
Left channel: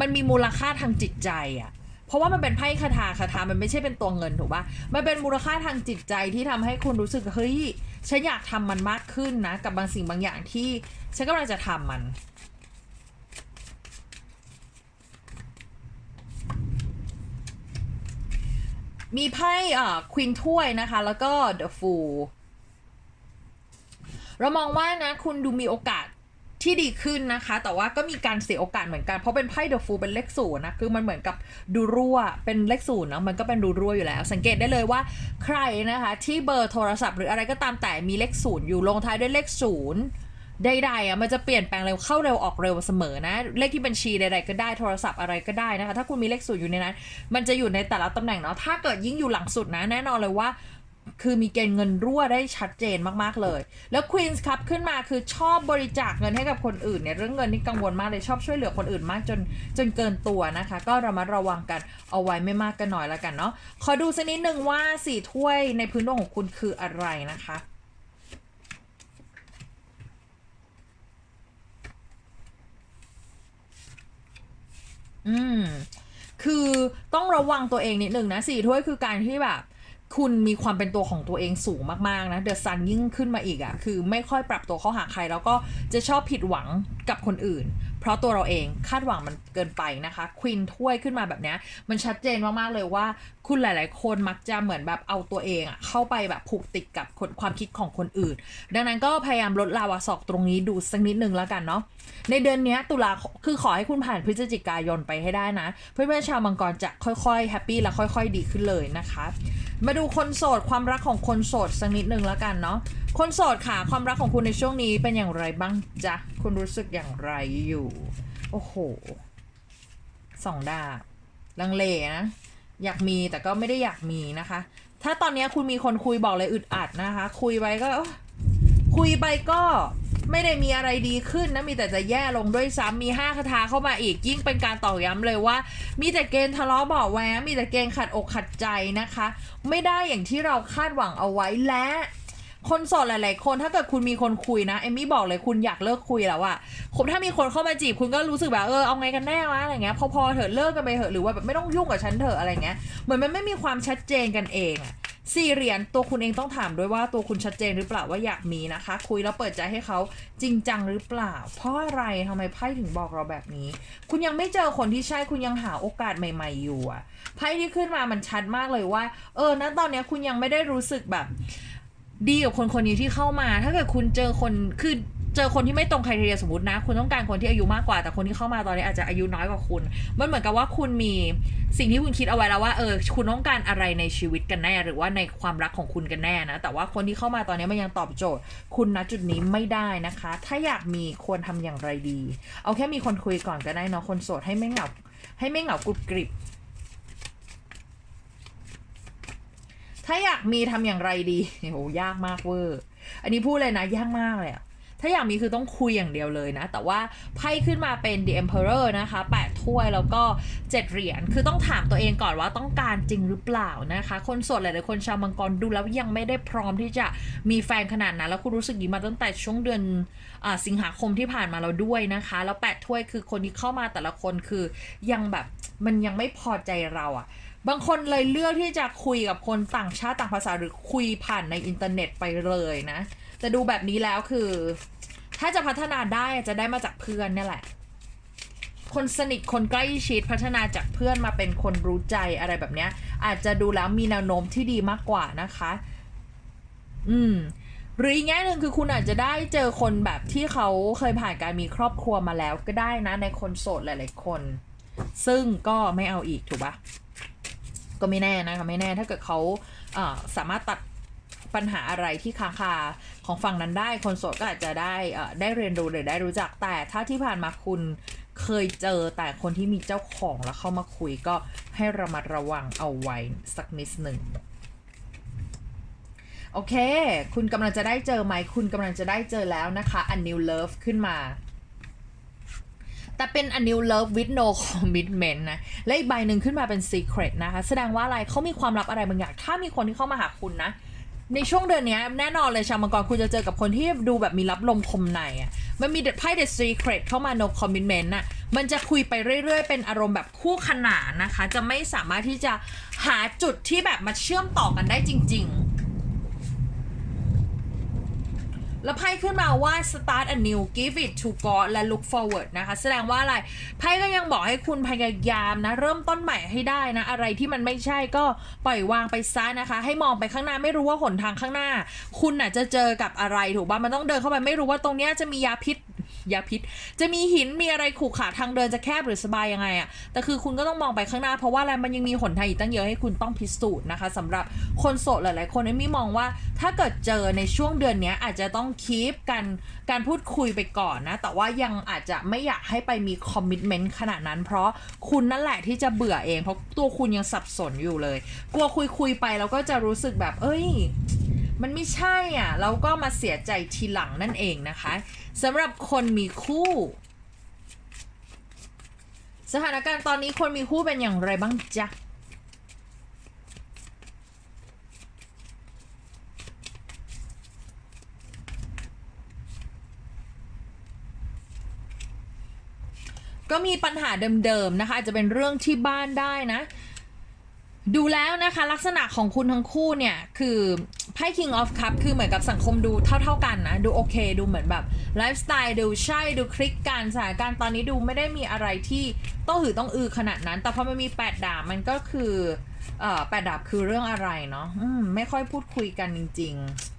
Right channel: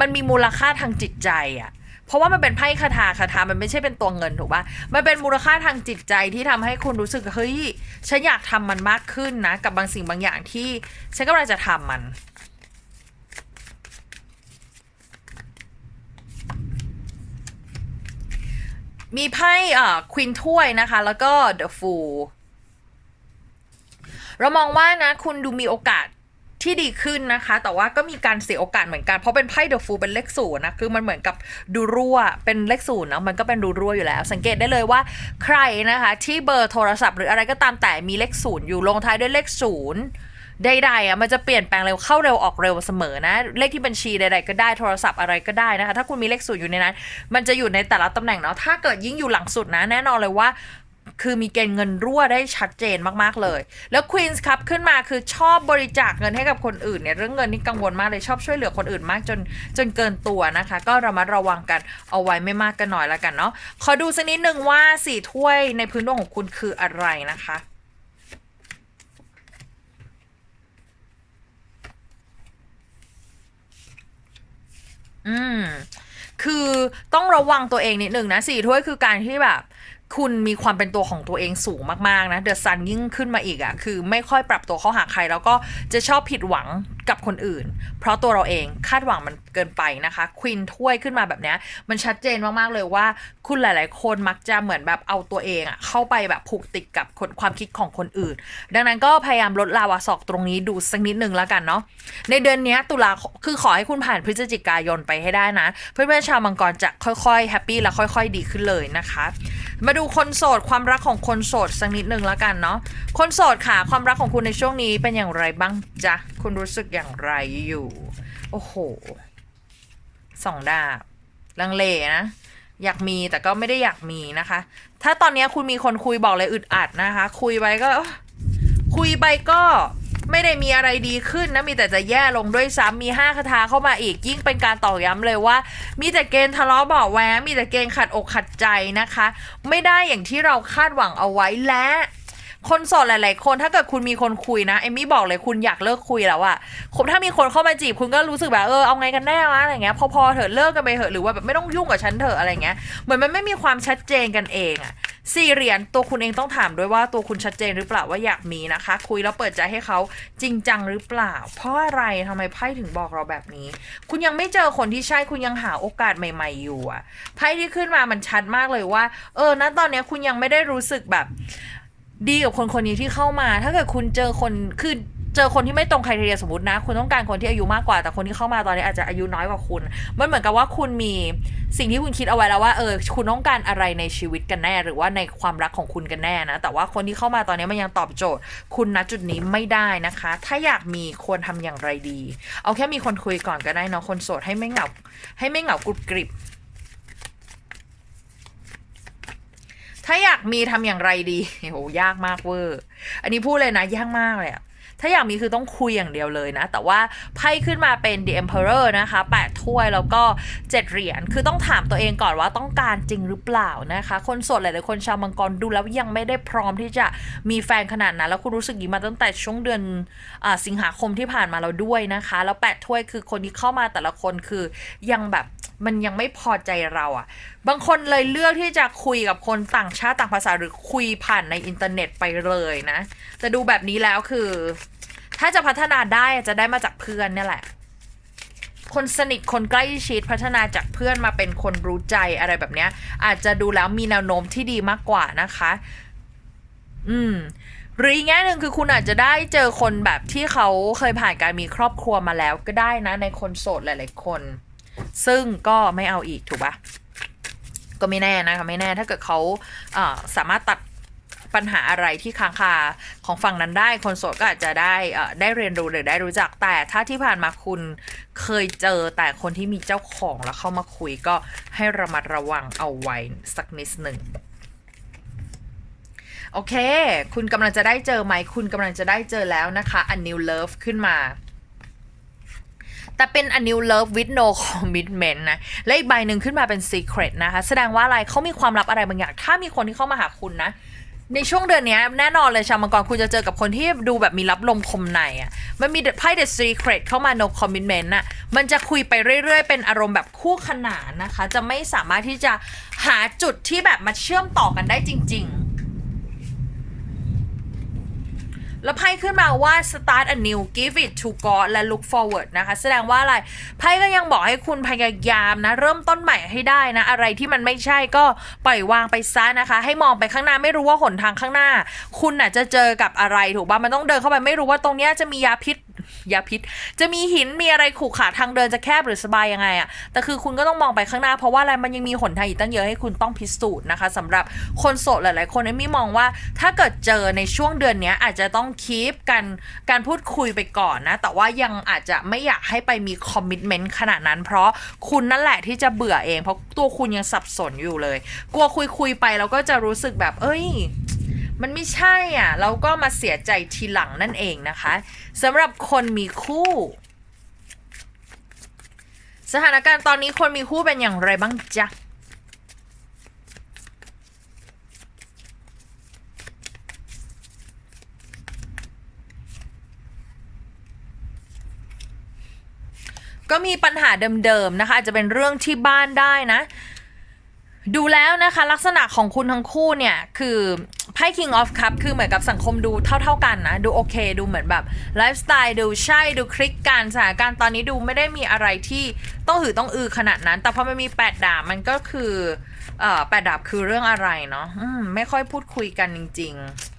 มันมีมูลค่าทางจิตใจอะ เพราะว่ามันเป็นไพ่คาถาคาถามันไม่ใช่เป็นตัวเงินถูกปะมันเป็นมูลค่าทางจิตใจที่ทำให้คุณรู้สึกเฮ้ยฉันอยากทำมันมากขึ้นนะ กับบางสิ่งบางอย่างที่ฉันกำลังจะทำมันมีไพ่อ่าควินถ้วยนะคะ แล้วก็เดอะฟูลเรามองว่านะ คุณดูมีโอกาส ที่ดีขึ้นนะคะ แต่ว่าก็มีการเสียโอกาสเหมือนกันเพราะเป็นไพ่เดอะฟูลเป็นเลขศูนย์นะคือมันเหมือนกับดูรั่วเป็นเลขศูนย์เนาะมันก็เป็นดูรั่วอยู่แล้ว สังเกตได้เลยว่าใครนะคะ ที่เบอร์โทรศัพท์หรืออะไรก็ตามแต่มีเลขศูนย์อยู่ลงท้ายด้วยเลขศูนย์ใดๆอะมันจะเปลี่ยนแปลงเร็วเข้าเร็วออกเร็วเสมอนะ เลขที่บัญชีใดๆก็ได้โทรศัพท์อะไรก็ได้นะคะ ถ้าคุณมีเลขศูนย์อยู่ในนั้น มันจะอยู่ในแต่ละตำแหน่งเนาะถ้าเกิดยิ่งอยู่หลังสุดนะแน่นอนเลยว่า คือมีเกณฑ์เงินรั่วได้ชัดเจนมากๆเลย แล้วควีนส์ครับขึ้นมาคือชอบบริจาคเงินให้กับคนอื่นเนี่ยเรื่องเงินนี่กังวลมากเลยชอบช่วยเหลือคนอื่นมากจนจนเกินตัวนะคะ ก็ระมัดระวังกันเอาไว้ไม่มากกันหน่อยละกันเนาะขอดูสักนิดหนึ่งว่าสี่ถ้วยในพื้นดวงของคุณคืออะไรนะคะอืม คือต้องระวังตัวเองนิดหนึ่งนะสี่ถ้วยคือการที่แบบ คุณมีความเป็นตัวของตัวเองสูงมากๆนะเดอะซันยิ่งขึ้นมาอีกอะ่ะคือไม่ค่อยปรับตัวเข้าหาใคร แล้วก็จะชอบผิดหวัง กับคนอื่น เพราะตัวเราเองคาดหวังมันเกินไปนะคะควินถ้วยขึ้นมาแบบนี้มันชัดเจนมากๆเลยว่าคุณหลาย ๆ คนมักจะเหมือนแบบเอาตัวเองอะเข้าไปแบบผูกติดกับคความคิดของคนอื่น ดังนั้นก็พยายามลดลาวาศอกตรงนี้ดูสักนิดนึงแล้วกันเนาะในเดือนนี้ตุลาคมคือขอให้คุณผ่านพฤศจิกายนไปให้ได้นะ เพื่อนๆชาวมังกรจะค่อยๆแฮปปี้และค่อย ๆ ดีขึ้นเลยนะคะ มาดูคนโสดความรักของคนโสดสักนิดนึงแล้วกันเนาะคนโสดค่ะความรักของคุณในช่วงนี้เป็นอย่างไรบ้างจ๊ะคุณรู้สึกอย่างไรอยู่ โอ้โหสองดาบลังเลนะ อยากมีแต่ก็ไม่ได้อยากมีนะคะ ถ้าตอนนี้คุณมีคนคุยบอกเลยอึดอัดนะคะ คุยไปก็ คุยไปก็ไม่ได้มีอะไรดีขึ้นนะ มีแต่จะแย่ลงด้วยซ้ำมีห้าคาถาเข้ามาอีกยิ่งเป็นการตอกย้ำเลยว่า มีแต่เกณฑ์ทะเลาะเบาะแวงมีแต่เกณฑ์ขัดอกขัดใจนะคะ ไม่ได้อย่างที่เราคาดหวังเอาไว้และ คนโสดหลาย ๆ คนถ้าเกิดคุณมีคนคุยนะเอมมี่บอกเลยคุณอยากเลิกคุยแล้วอะผมถ้ามีคนเข้ามาจีบคุณก็รู้สึกแบบเออเอาไงกันแน่วะอะไรเงี้ย พอพอเถอะเลิกกันไปเถอะหรือว่าแบบไม่ต้องยุ่งกับฉันเถอะอะไรเงี้ยเหมือนมันไม่มีความชัดเจนกันเองอะสี่เหรียญตัวคุณเองต้องถามด้วยว่าตัวคุณชัดเจนหรือเปล่าว่าอยากมีนะคะ คุยแล้วเปิดใจให้เขาจริงจังหรือเปล่า เพราะอะไรทำไมไพ่ถึงบอกเราแบบนี้ คุณยังไม่เจอคนที่ใช่คุณยังหาโอกาสใหม่ ๆ อยู่อะไพ่ที่ขึ้นมามันชัดมากเลยว่า เออณตอนนี้คุณยังไม่ได้รู้สึกแบบ ดีกับคนคนนี้ที่เข้ามา ถ้าเกิดคุณเจอคนคือเจอคนที่ไม่ตรงใครทีเดียสมมตินะ คุณต้องการคนที่อายุมากกว่า แต่คนที่เข้ามาตอนนี้อาจจะอายุน้อยกว่าคุณ มันเหมือนกับว่าคุณมีสิ่งที่คุณคิดเอาไว้แล้วว่าเออคุณต้องการอะไรในชีวิตกันแน่ หรือว่าในความรักของคุณกันแน่นะ แต่ว่าคนที่เข้ามาตอนนี้มันยังตอบโจทย์ คุณณจุดนี้ไม่ได้นะคะ ถ้าอยากมีควรทำอย่างไรดี เอาแค่มีคนคุยก่อนก็ได้เนาะคนโสดให้ไม่เหงาให้ไม่เหงากรุบกริบ ถ้าอยากมีทำอย่างไรดีโหยากมากเวอร์ อันนี้พูดเลยนะยากมากเลยอะถ้าอยากมีคือต้องคุยอย่างเดียวเลยนะ แต่ว่าไพ่ขึ้นมาเป็น The Emperor นะคะแปดถ้วยแล้วก็เจ็ดเหรียญ คือต้องถามตัวเองก่อนว่าต้องการจริงหรือเปล่านะคะ คนโสดหลายๆคนชาวมังกรดูแล้วยังไม่ได้พร้อมที่จะมีแฟนขนาดนั้น แล้วคุณรู้สึกอย่างมาตั้งแต่ช่วงเดือนอสิงหาคมที่ผ่านมาเราด้วยนะคะ แล้วแปดถ้วยคือคนที่เข้ามาแต่ละคนคือยังแบบ มันยังไม่พอใจเราอะบางคนเลยเลือกที่จะคุยกับคนต่างชาติต่างภาษาหรือคุยผ่านในอินเทอร์เน็ตไปเลยนะแต่ดูแบบนี้แล้วคือ ถ้าจะพัฒนาได้จะได้มาจากเพื่อนเนี่ยแหละ คนสนิทคนใกล้ชิดพัฒนาจากเพื่อนมาเป็นคนรู้ใจอะไรแบบเนี้ย อาจจะดูแล้วมีแนวโน้มที่ดีมากกว่านะคะ อืมหรืออีกแง่หนึ่งคือคุณอาจจะได้เจอคนแบบที่เขาเคยผ่านการมีครอบครัวมาแล้วก็ได้นะในคนโสดหลาย ๆ คน ซึ่งก็ไม่เอาอีกถูกปะก็ไม่แน่นะคะไม่แน่ถ้าเกิดเขาเสามารถตัดปัญหาอะไรที่ค้างคาของฝั่งนั้นได้คนโสดก็อาจจะได้ได้เรียนรู้หรือได้รู้จักแต่ถ้าที่ผ่านมาคุณเคยเจอแต่คนที่มีเจ้าของแล้วเข้ามาคุยก็ให้ระมัดระวังเอาไว้สักนิดหนึ่งโอเค คุณกำลังจะได้เจอไหม คุณกำลังจะได้เจอแล้วนะคะ a new love ขึ้นมา แต่เป็น a new love with no commitment นะ และอีกใบหนึ่งขึ้นมาเป็น secret นะคะ แสดงว่าอะไรเขามีความลับอะไรบางอย่าง ถ้ามีคนที่เข้ามาหาคุณนะ ในช่วงเดือนนี้แน่นอนเลยชาวมังกรคุณจะเจอกับคนที่ดูแบบมีรับลมคมในอะ มันมีไพ่ the secret เข้ามา no commitment น่ะ มันจะคุยไปเรื่อยๆ เป็นอารมณ์แบบคู่ขนานนะคะ จะไม่สามารถที่จะหาจุดที่แบบมาเชื่อมต่อกันได้จริง ๆ แล้วไพ่ขึ้นมาว่า start a new give it to God และ look forward นะคะ แสดงว่าอะไร ไพ่ก็ยังบอกให้คุณพยายามนะ เริ่มต้นใหม่ให้ได้นะ อะไรที่มันไม่ใช่ก็ปล่อยวางไปซะนะคะ ให้มองไปข้างหน้าไม่รู้ว่าหนทางข้างหน้า คุณน่ะจะเจอกับอะไรถูกป่ะมันต้องเดินเข้าไปไม่รู้ว่าตรงเนี้ยจะมียาพิษ ยาพิษ จะมีหินมีอะไรขู่ขาทางเดินจะแคบหรือสบายยังไงอะแต่คือคุณก็ต้องมองไปข้างหน้าเพราะว่าอะไรมันยังมีหนทางอีกตั้งเยอะให้คุณต้องพิสูจน์นะคะสำหรับคนโสดหลาย ๆ คนเอมมี่มองว่าถ้าเกิดเจอในช่วงเดือนนี้อาจจะต้องคีปกันการพูดคุยไปก่อนนะ แต่ว่ายังอาจจะไม่อยากให้ไปมีคอมมิ t เมนต์ขนาดนั้น เพราะคุณนั่นแหละที่จะเบื่อเอง เพราะตัวคุณยังสับสนอยู่เลย กลัวคุยคุยไปแล้วก็จะรู้สึกแบบ เอ้ยมันไม่ใช่อะแล้วก็มาเสียใจทีหลังนั่นเองนะคะสำหรับคนมีคู่ สถานการณ์ตอนนี้คนมีคู่เป็นอย่างไรบ้างจ๊ะก็มีปัญหาเดิมๆนะคะอาจจะเป็นเรื่องที่บ้านได้นะ ดูแล้วนะคะลักษณะของคุณทั้งคู่เนี่ยคือ ไพ่ King of Cup คือเหมือนกับสังคมดูเท่า ๆกันนะ ดูโอเค ดูเหมือนแบบไลฟ์สไตล์ดูใช่ดูคลิกกันสถานการณ์ตอนนี้ดูไม่ได้มีอะไรที่ต้องหือต้องอือขนาดนั้น แต่พอมันมีแปดดาบมันก็คือเอ่อแปดดาบคือเรื่องอะไรเนาะมไม่ค่อยพูดคุยกันจริง ๆ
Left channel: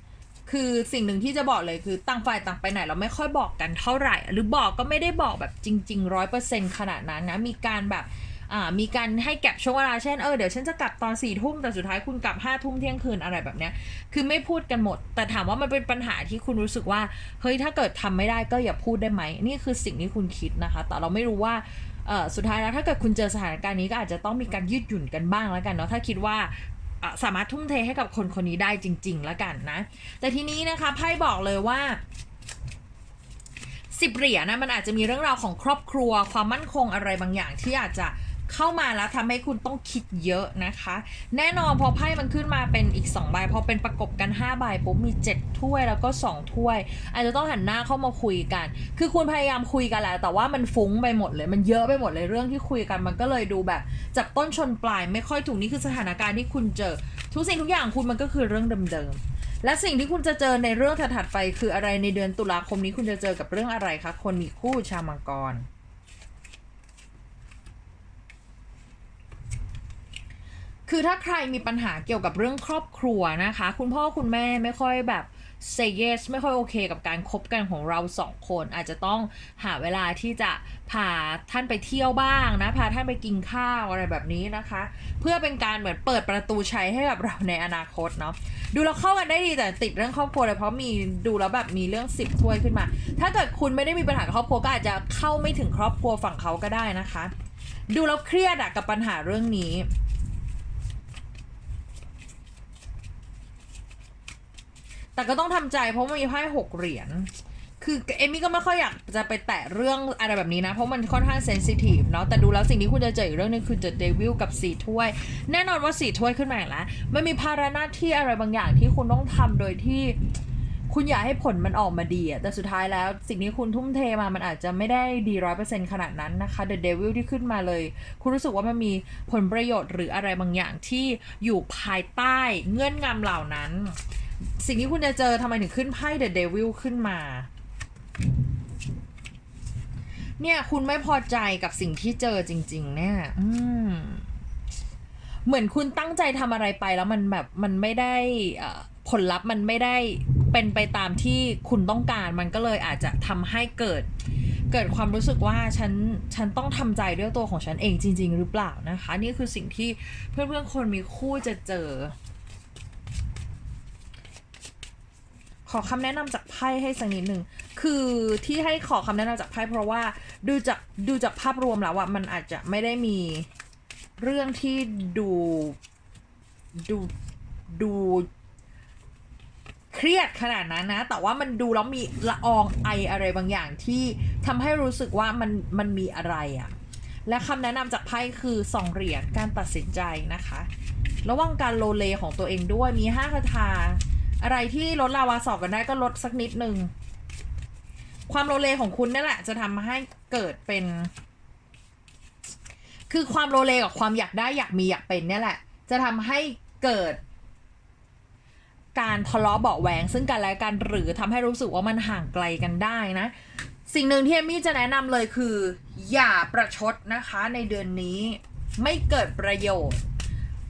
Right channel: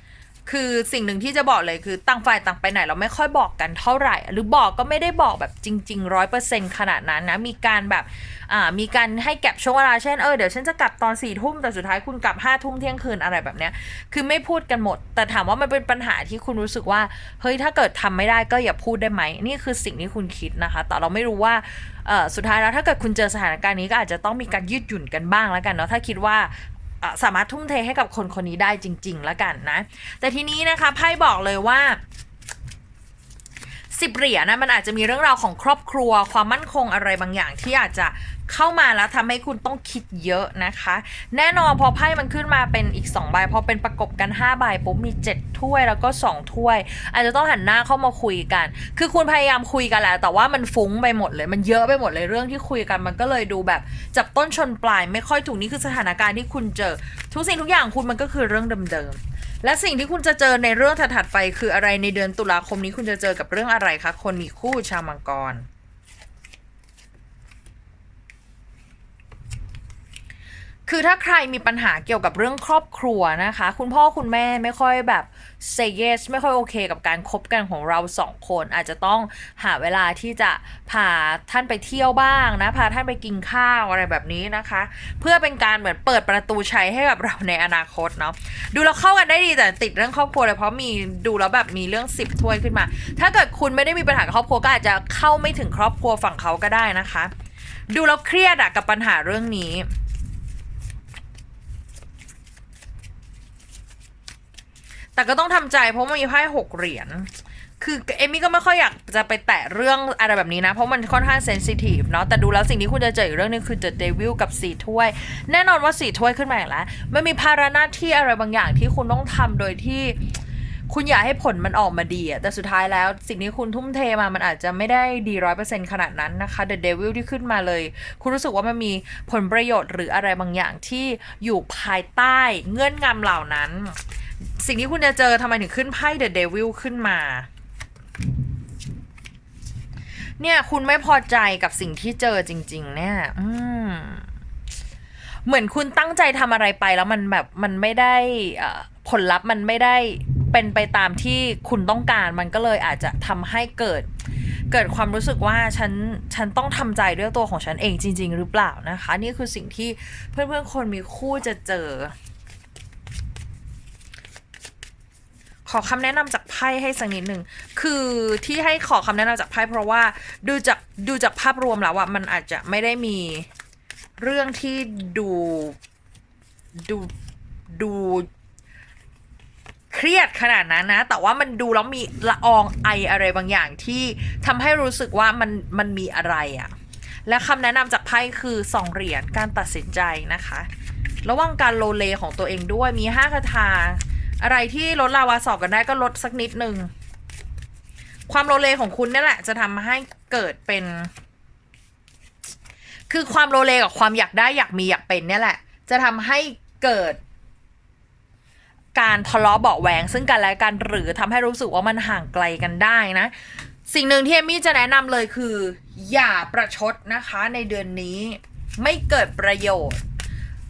คือสิ่งหนึ่งที่จะบอกเลยคือต่างฝ่ายต่างไปไหนเราไม่ค่อยบอกกันเท่าไหร่ หรือบอกก็ไม่ได้บอกแบบจริงๆร้อยเปอร์เซ็นขนาดนั้นนะมีการแบบอ่ามีการให้แก็บช่วงเวลาเช่นเออเดี๋ยวฉันจะกลับตอนสี่ทุ่มแต่สุดท้ายคุณกลับห้าทุ่มเที่ยงคืนอะไรแบบเนี้ยคือไม่พูดกันหมด แต่ถามว่ามันเป็นปัญหาที่คุณรู้สึกว่าเฮ้ยถ้าเกิดทำไม่ได้ก็อย่าพูดได้ไหมนี่คือสิ่งที่คุณคิดนะคะ แต่เราไม่รู้ว่าเออสุดท้ายแล้วถ้าเกิดคุณเจอสถานการณ์นี้ก็อาจจะต้องมีการยืดหยุ่นกันบ้างแล้วกันเนาะถ้าคิดว่า สามารถทุ่มเทให้กับคนคนนี้ได้จริง ๆ แล้วกันนะ แต่ทีนี้นะคะไพ่บอกเลยว่าสิบเหรียญนะมันอาจจะมีเรื่องราวของครอบครัว ความมั่นคงอะไรบางอย่างที่อาจจะ เข้ามาแล้วทำให้คุณต้องคิดเยอะนะคะ แน่นอนพอไพ่มันขึ้นมาเป็นอีก2ใบพอเป็นประกบกัน5ใบปุ๊บมี 7 ถ้วยแล้วก็ 2 ถ้วย อาจจะต้องหันหน้าเข้ามาคุยกัน คือคุณพยายามคุยกันแหละแต่ว่ามันฟุ้งไปหมดเลย มันเยอะไปหมดเลยเรื่องที่คุยกันมันก็เลยดูแบบจับต้นชนปลาย ไม่ค่อยถูกนี่คือสถานการณ์ที่คุณเจอ ทุกสิ่งทุกอย่างคุณมันก็คือเรื่องเดิมๆและสิ่งที่คุณจะเจอในเรื่องถัดๆไป คืออะไรในเดือนตุลาคมนี้คุณจะเจอกับเรื่องอะไรคะคนมีคู่ชาวมังกร คือถ้าใครมีปัญหาเกี่ยวกับเรื่องครอบครัวนะคะ คุณพ่อคุณแม่ไม่ค่อยแบบ say yes ไม่ค่อยโอเคกับการคบกันของเราสองคน อาจจะต้องหาเวลาที่จะพาท่านไปเที่ยวบ้างนะพาท่านไปกินข้าวอะไรแบบนี้นะคะ เพื่อเป็นการเหมือนเปิดประตูชัยให้กับเราในอนาคตเนาะดูเราเข้ากันได้ดีแต่ติดเรื่องครอบครัวเลยเพราะมีดูแล้วแบบมีเรื่องสิบถ้วยขึ้นมา ถ้าเกิดคุณไม่ได้มีปัญหากับครอบครัวก็อาจจะเข้าไม่ถึงครอบครัวฝั่งเขาก็ได้นะคะ ดูแล้วเครียดอะกับปัญหาเรื่องนี้ แต่ก็ต้องทำใจเพราะมันมีไพ่หกเหรียญ คือเอมี่ก็ไม่ค่อยอยากจะไปแตะเรื่องอะไรแบบนี้นะ เพราะมันค่อนข้างเซนซิทีฟเนาะ แต่ดูแล้วสิ่งที่คุณจะเจออีกเรื่องนึงคือ The Devil กับสีถ้วย แน่นอนว่าสีถ้วยขึ้นมาอีกแล้ว มันมีภาระหน้าที่อะไรบางอย่างที่คุณต้องทำโดยที่คุณอยากให้ผลมันออกมาดีอะแต่สุดท้ายแล้วสิ่งที่คุณทุ่มเทมา มันอาจจะไม่ได้ดีร้อยเปอร์เซ็นต์ขนาดนั้นนะคะ The Devil ที่ขึ้นมาเลย คุณรู้สึกว่ามันมีผลประโยชน์หรืออะไรบางอย่างที่อยู่ภายใต้เงื่อนงำเหล่านั้น สิ่งที่คุณจะเจอทำไมถึงขึ้นไพ่ The Devil ขึ้นมา เนี่ยคุณไม่พอใจกับสิ่งที่เจอจริง ๆ เนี่ย อืมเหมือนคุณตั้งใจทำอะไรไปแล้วมันแบบมันไม่ได้ผลลัพธ์มันไม่ได้เป็นไปตามที่คุณต้องการมันก็เลยอาจจะทำให้เกิด เกิดความรู้สึกว่าฉันฉันต้องทำใจด้วยตัวของฉันเองจริง ๆ หรือเปล่านะคะ นี่คือสิ่งที่เพื่อนๆคนมีคู่จะเจอ ขอคำแนะนำจากไพ่ให้สักนิดหนึ่ง คือที่ให้ขอคำแนะนำจากไพ่เพราะว่าดูจากดูจากภาพรวมแล้วอะมันอาจจะไม่ได้มีเรื่องที่ดูดูดูเครียดขนาดนั้นนะ แต่ว่ามันดูแล้วมีละอองไออะไรบางอย่างที่ทำให้รู้สึกว่ามันมันมีอะไรอะและคำแนะนำจากไพ่คือสองเหรียญการตัดสินใจนะคะ ระว่างการโลเลของตัวเองด้วยมีห้าคาถา อะไรที่ลดลาวาสอบกันได้ก็ลดสักนิดนึงความโลเลของคุณนี่แหละ จะทำให้เกิดเป็น คือความโลเลกับความอยากได้อยากมีอยากเป็นเนี่ยแหละ จะทำให้เกิด การทะเลาะเบาแหวงซึ่งกันและกันหรือทำให้รู้สึกว่ามันห่างไกลกันได้นะ สิ่งหนึ่งที่เอมมี่จะแนะนำเลยคือ อย่าประชดนะคะในเดือนนี้ไม่เกิดประโยชน์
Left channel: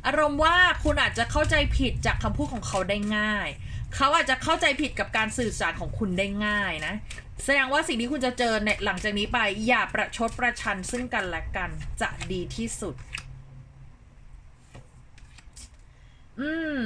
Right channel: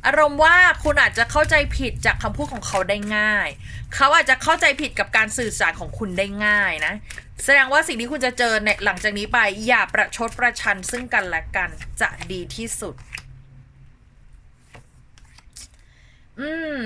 อารมณ์ว่าคุณอาจจะเข้าใจผิดจากคำพูดของเขาได้ง่าย เขาอาจจะเข้าใจผิดกับการสื่อสารของคุณได้ง่ายนะ แสดงว่าสิ่งที่คุณจะเจอเนี่ยหลังจากนี้ไป อย่าประชดประชันซึ่งกันและกันจะดีที่สุด อืม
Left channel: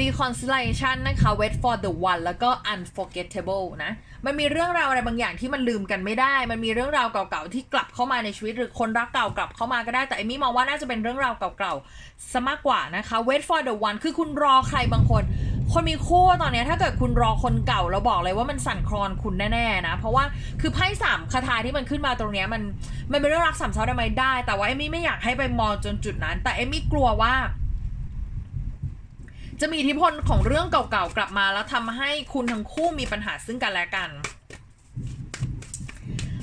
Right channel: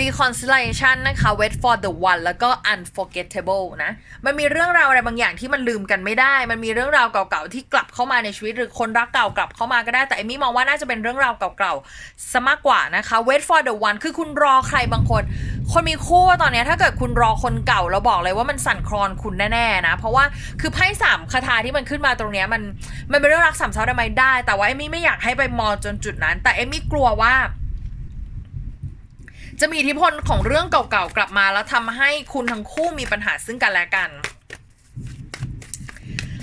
reconciliation นะคะ wait for the one แล้วก็ unforgettable นะ มันมีเรื่องราวอะไรบางอย่างที่มันลืมกันไม่ได้ มันมีเรื่องราวเก่าๆที่กลับเข้ามาในชีวิต หรือคนรักเก่ากลับเข้ามาก็ได้ แต่เอมี่มองว่าน่าจะเป็นเรื่องราวเก่าๆซะมากกว่านะคะ wait for the one คือคุณรอใครบางคน คนมีคู่ตอนนี้ถ้าเกิดคุณรอคนเก่าเราบอกเลยว่ามันสั่นคลอนคุณแน่ๆนะ เพราะว่าคือไพ่สามคาถาที่มันขึ้นมาตรงนี้มันมันเป็นเรื่องรักสามเศร้าได้ไหมได้ แต่ว่าเอมี่ไม่อยากให้ไปมองจนจุดนั้น แต่เอมี่กลัวว่า จะมีอิทธิพลของเรื่องเก่าๆกลับมาแล้วทำให้คุณทั้งคู่มีปัญหาซึ่งกันและกัน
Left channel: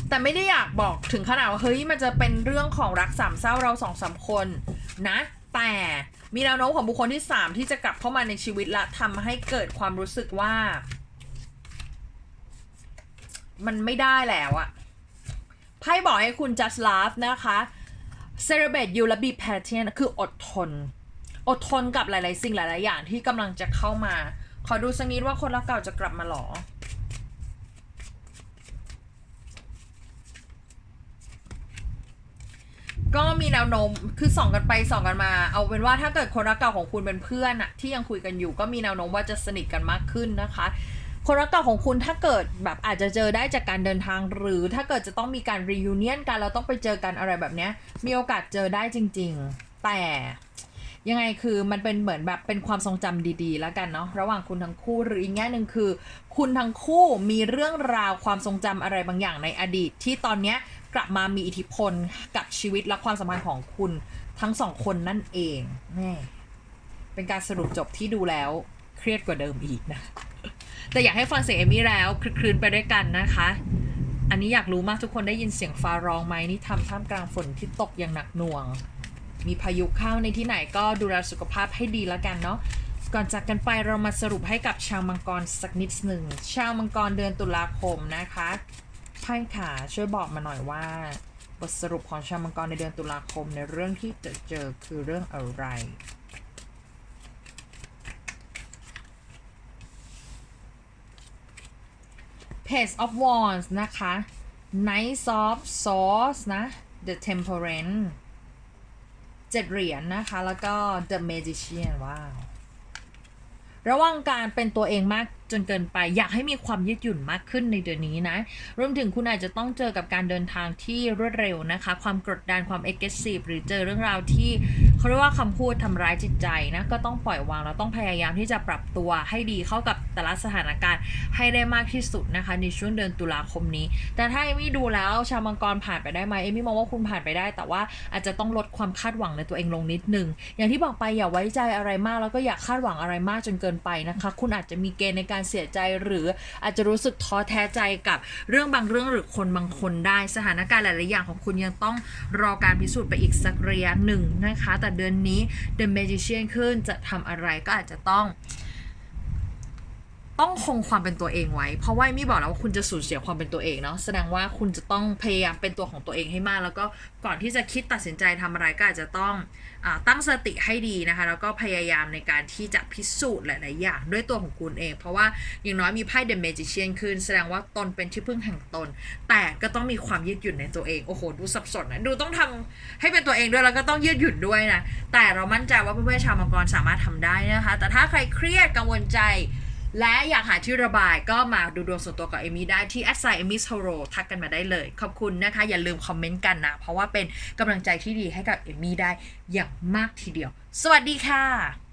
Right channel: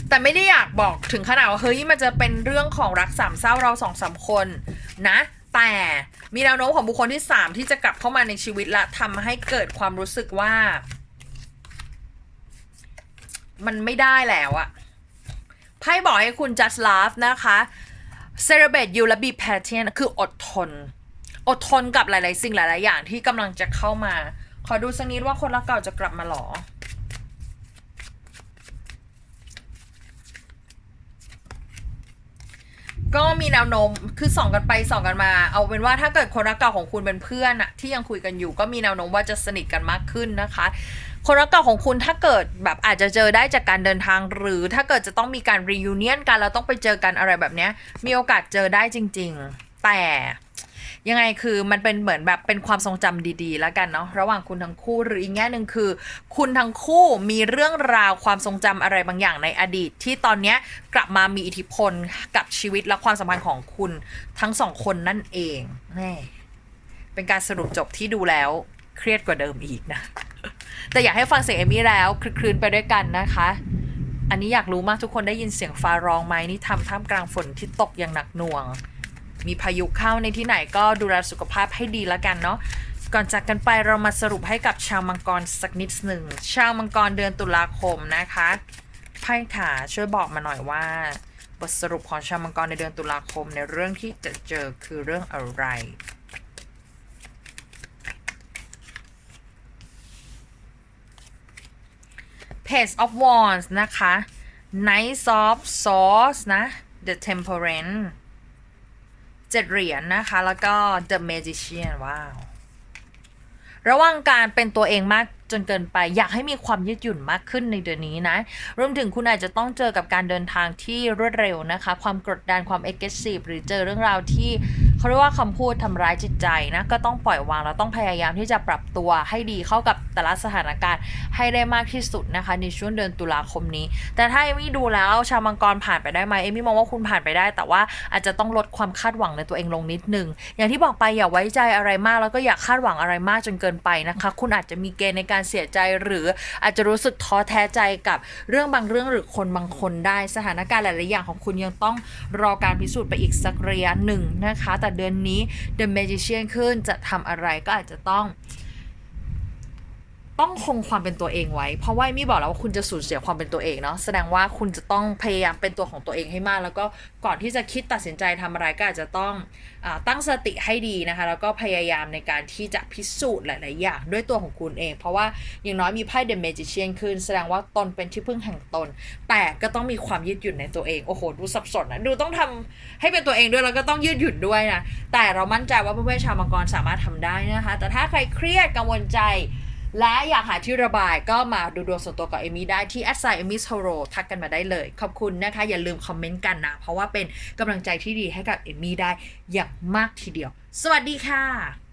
แต่ไม่ได้อยากบอกถึงขนาดว่าเฮ้ยมันจะเป็นเรื่องของรักสามเศร้าเราสองสามคนนะ แต่มีแนวโน้มของบุคคลที่สามที่จะกลับเข้ามาในชีวิตและทำให้เกิดความรู้สึกว่า มันไม่ได้แล้วอะไพ่บอกให้คุณ just love นะคะ celebrate you และ be patient คืออดทน อดทนกับหลาย ๆ สิ่งหลาย ๆ อย่างที่กำลังจะเข้ามา ขอดูสักนิดว่าคนรักเก่าจะกลับมาหรอก็มีแนวโน้มคือส่องกันไปส่องกันมา เอาเป็นว่าถ้าเกิดคนรักเก่าของคุณเป็นเพื่อนอะที่ยังคุยกันอยู่ ก็มีแนวโน้มว่าจะสนิทกันมากขึ้นนะคะ คนรักเก่าของคุณถ้าเกิดแบบอาจจะเจอได้จากการเดินทาง หรือถ้าเกิดจะต้องมีการ reunion กันแล้วต้องไปเจอกันอะไรแบบนี้มีโอกาสเจอได้จริง ๆ แต่ ยังไงคือมันเป็นเหมือนแบบเป็นความทรงจำดีๆ แล้วกันเนาะระหว่างคุณทั้งคู่หรืออีกแง่หนึ่งคือ คุณทั้งคู่มีเรื่องราวความทรงจำอะไรบางอย่างในอดีต ที่ตอนเนี้ยกลับมามีอิทธิพลกับชีวิตและความสัมพันธ์ของคุณทั้งสองคนนั่นเองแม่เป็นการสรุปจบที่ดูแล้วเครียดกว่าเดิมอีกนะ แต่อยากให้ฟังเสียงเอมี่แล้วคลึกคลืนไปด้วยกันนะคะ อันนี้อยากรู้มากทุกคนได้ยินเสียงฟ้าร้องไหมนี่ทำท่ามกลางฝนที่ตกอย่างหนักหน่วง มีพายุเข้าในที่ไหนก็ดูแลสุขภาพให้ดีแล้วกันเนาะก่อนจากกันไปเรามาสรุปให้กับชาวมังกรสักนิดหนึ่งชาวมังกรเดือนตุลาคมนะคะไพ่ขาช่วยบอกมาหน่อยว่า บทสรุปของชาวมังกรในเดือนตุลาคมในเรื่องที่จะเจอคือเรื่องอะไร Page of Wands นะคะ Knight of Swords นะ The Temperance เจ็ดเหรียญนะคะ แล้วก็ The Magician ว้าว ระวังการเป็นตัวเองมากจนเกินไป อยากให้มีความยืดหยุ่นมากขึ้นในเดือนนี้นะ รวมถึงคุณอาจจะต้องเจอกับการเดินทางที่รวดเร็วนะคะ ความกดดันความ aggressive หรือเจอเรื่องราวที่ เขาเรียกว่าคำพูดทำร้ายจิตใจนะก็ต้องปล่อยวางแล้วต้องพยายามที่จะปรับตัวให้ดีเข้ากับแต่ละสถานการณ์ให้ได้มากที่สุดนะคะในช่วงเดือนตุลาคมนี้ แต่ถ้าเอมี่ดูแล้วชาวมังกรผ่านไปได้ไหมเอมี่มองว่าคุณผ่านไปได้ แต่ว่าอาจจะต้องลดความคาดหวังในตัวเองลงนิดนึง อย่างที่บอกไปอย่าไว้ใจอะไรมาก แล้วก็อย่าคาดหวังอะไรมากจนเกินไปนะคะ คุณอาจจะมีเกณฑ์ในการเสียใจหรืออาจจะรู้สึกท้อแท้ใจกับเรื่องบางเรื่องหรือคนบางคนได้สถานการณ์หลาย ๆ อย่างของคุณยังต้องรอการพิสูจน์ไปอีกสักระยะหนึ่งนะคะแต่เดือนนี้เดอะเมจิเชียนขึ้นจะทำอะไรก็อาจจะต้อง ต้องคงความเป็นตัวเองไว้ เพราะว่ามี่บอกแล้วว่าคุณจะสูญเสียความเป็นตัวเองเนาะแสดงว่าคุณจะต้องพยายามเป็นตัวของตัวเองให้มาก แล้วก็ก่อนที่จะคิดตัดสินใจทำอะไรก็อาจจะต้องอตั้งสติให้ดีนะคะ แล้วก็พยายามในการที่จะพิสูจน์หลาย ๆ อย่างด้วยตัวของคุณเอง เพราะว่าอย่างน้อยมีไพ่ The Magician ขึ้น แสดงว่าตนเป็นที่พึ่งแห่งตน แต่ก็ต้องมีความยืดหยุ่นในตัวเองโอ้โหดูสับสนนะดูต้องทำให้เป็นตัวเองด้วยแล้วก็ต้องยืดหยุ่นด้วยนะแต่เรามั่นใจว่าเพื่อนๆชาวมังกรสามารถทำได้นะคะ แต่ถ้าใครเครียดกังวลใจ และอยากหาที่ระบายก็มาดูดวงส่วนตัวกับเอมี่ได้ที่ a d s i g n amy h o r o ทักกันมาได้เลย ขอบคุณนะคะ อย่าลืมคอมเมนต์กันนะ เพราะว่าเป็นกำลังใจที่ดีให้กับเอมี่ได้อย่างมากทีเดียว สวัสดีค่ะ